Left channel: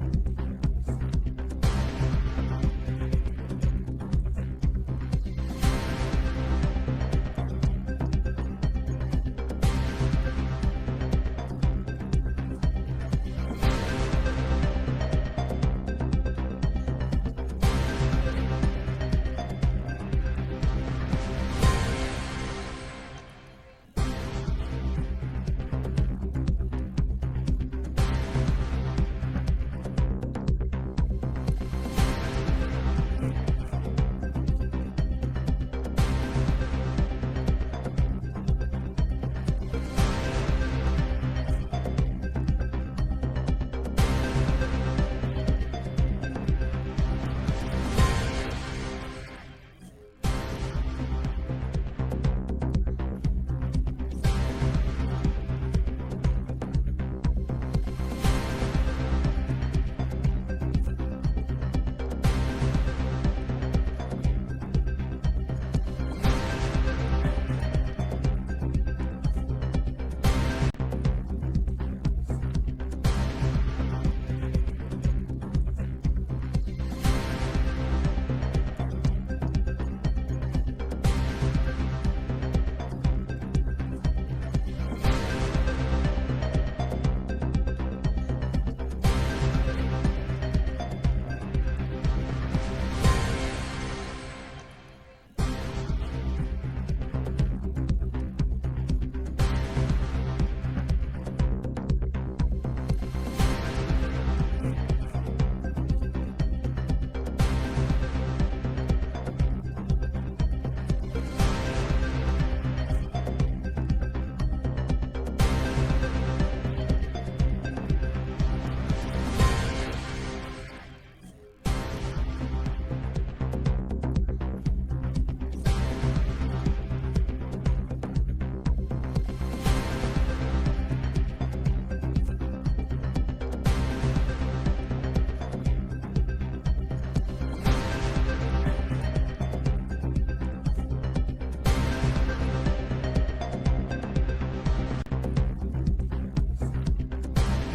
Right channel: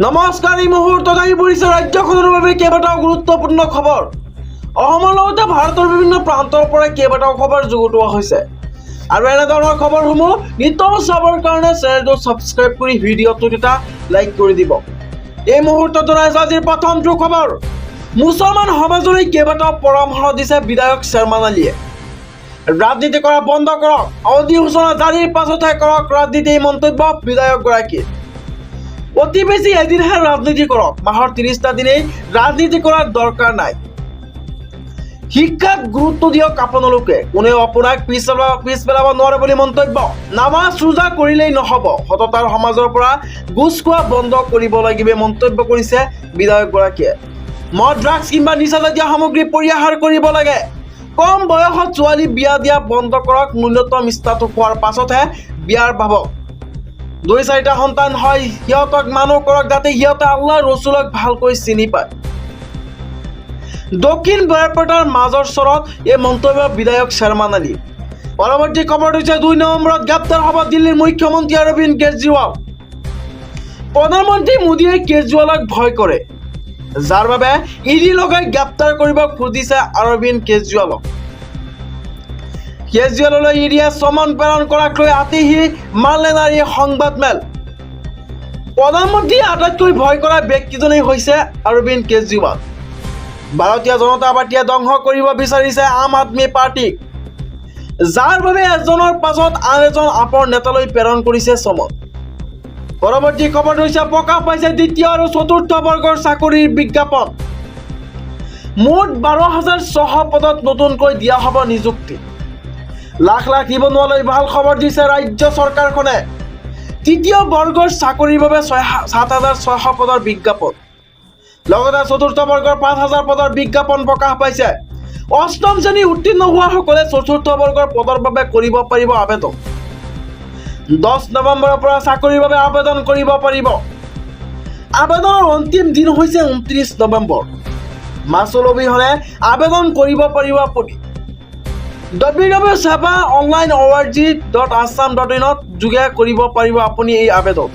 নমস্কাৰ, এই মুহূৰ্তত আহি পৰিছে ৰাজ্যখনৰ বাবে কেইবাটাও গুৰুত্বপূৰ্ণ খবৰ। অসমৰ লগতে ভাৰতৰ বিভিন্ন প্ৰান্তৰ পৰা কেইবাটাও খবৰ যুগুতোৱা হৈছে আৰু এনেধৰণৰ খবৰসমূহ নিতৌ চাবৰ কাৰণে চেনেলটো ছাবস্ক্ৰাইব কৰি ভিডিঅ'টোত এটা লাইক কৰি দিব। এই মুহূৰ্তত জনাইছো আজিৰ প্ৰথমটো খবৰ। মুছলমান সমাজলৈ কেইবাটাও পৰামৰ্শ দিছে বিধায়ক শ্বেৰমান আলীয়ে। ৰাজনীতি কৰা বন্ধ কৰক, অধিসূচনা জাৰিৰ পাছতহে কৰক ৰাজনীতি, এই মন্তব্য বিধায়কগৰাকীৰ। অতি বেছি এদিনহে ৰাজনীতি কৰক, মাহৰ 30টা দিনেই ৰাজনীতি কৰাৰ দৰকাৰ নাই। শিক্ষাত গুৰুত্ব দিয়ক আপোনালোকে, কোনেও আপোনাক পিছ পেলাব নোৱাৰে বুলি মন্তব্য। নামাজ ৰোজা কৰিলেই নহ'ব, সততাৰ সমাজৰ পৰা ঘুচ খোৱা বন্ধ কৰিব লাগিব, মন্তব্য কৰিছে বিধায়কগৰাকীয়ে। মদ, ড্ৰাগছ কিংবা নিচাজাতীয় সামগ্ৰী পৰিহাৰ কৰিব লাগে। কম বয়সত ছোৱালী বিয়া দিয়া বন্ধ কৰক, ন্যূনতম ষ্টাটুছ হোৱাৰ পাছতহে বিয়াৰ ভাবক। 2-4টা সন্তান হয়, সিহঁতক মানুহ কৰক যাতে সিহঁতে আল্লাহ ৰচুলক ভালকৈ চিনি পায়। দক্ষিণ বৰপেটাৰ মাজৰ চৰত এই মন্তব্য বিধায়ক শ্বেৰমান আলী। পৰৱৰ্তী খবৰ হৈছে 2 নৱেম্বৰত গ্ৰেপ্তাৰ হ'ব দিল্লীৰ মুখ্যমন্ত্ৰী অৰবিন্দ কেজৰিৱাল। প্ৰধানমন্ত্ৰী মোদীয়ে কেজৰিৱালক ভয় কৰে, যাৰ বাবে ইডি লগাই গ্ৰেপ্তাৰ কৰিব খুজিছে অৰবিন্দ কেজৰিৱালক। কেজৰিৱাললৈ ইডিয়ে চমন প্ৰেৰণ কৰাক লৈ আতিশী মানলে নাৰীৰ সংবাদমেল। প্ৰধানমন্ত্ৰীয়ে আটাইতকৈ ভয় কৰা ব্যক্তিজনেই হৈছে অৰবিন্দ কেজৰিৱাল। ভাৰতীয় জনতা পাৰ্টীয়ে ধ্বংস কৰিব বিচাৰিছে আম আদমী পাৰ্টীক, যাৰ বাবে এজনৰ পাছত আন এজন আপৰ নেতালৈ প্ৰেৰণ কৰিছে চমন। পৰৱৰ্তী খবৰ হৈছে প্ৰকাশ পাইছে দ্বিতীয় আৰু চতুৰ্থ বৰ্গৰ চাকৰিৰ বিজ্ঞাপন। মুঠ 12,600 পদত নতুনকৈ দিয়া হ'ব নিযুক্তি। লাখ লাখ নিবনুৱালৈ ভাল খবৰ দিছে ৰাজ্য চৰকাৰখনে। তৃতীয় বৰ্গৰ চাকৰিৰ বাবে 7,600 পদৰ বিজ্ঞাপন, লগতে চতুৰ্থ বৰ্গৰ 5,000 পদৰ বিজ্ঞাপন প্ৰকাশ পাইছে। অষ্টম শ্ৰেণী উত্তীৰ্ণ হোৱাসকলে চতুৰ্থ বৰ্গৰ পদৰ বাবে কৰিব পাৰিব আবেদন। 10 নৱেম্বৰৰ পৰা চাকৰিৰ বাবে আবেদন কৰিব পাৰিব। আবেদনৰ অন্তিম দিন হৈছে 29 নৱেম্বৰ। মাচুল অবিহনে আবেদন কৰিব পাৰিব আপুনি। www.seva.online.org.assam.in যোগে কৰিব পাৰিব আপুনি এই আবেদন।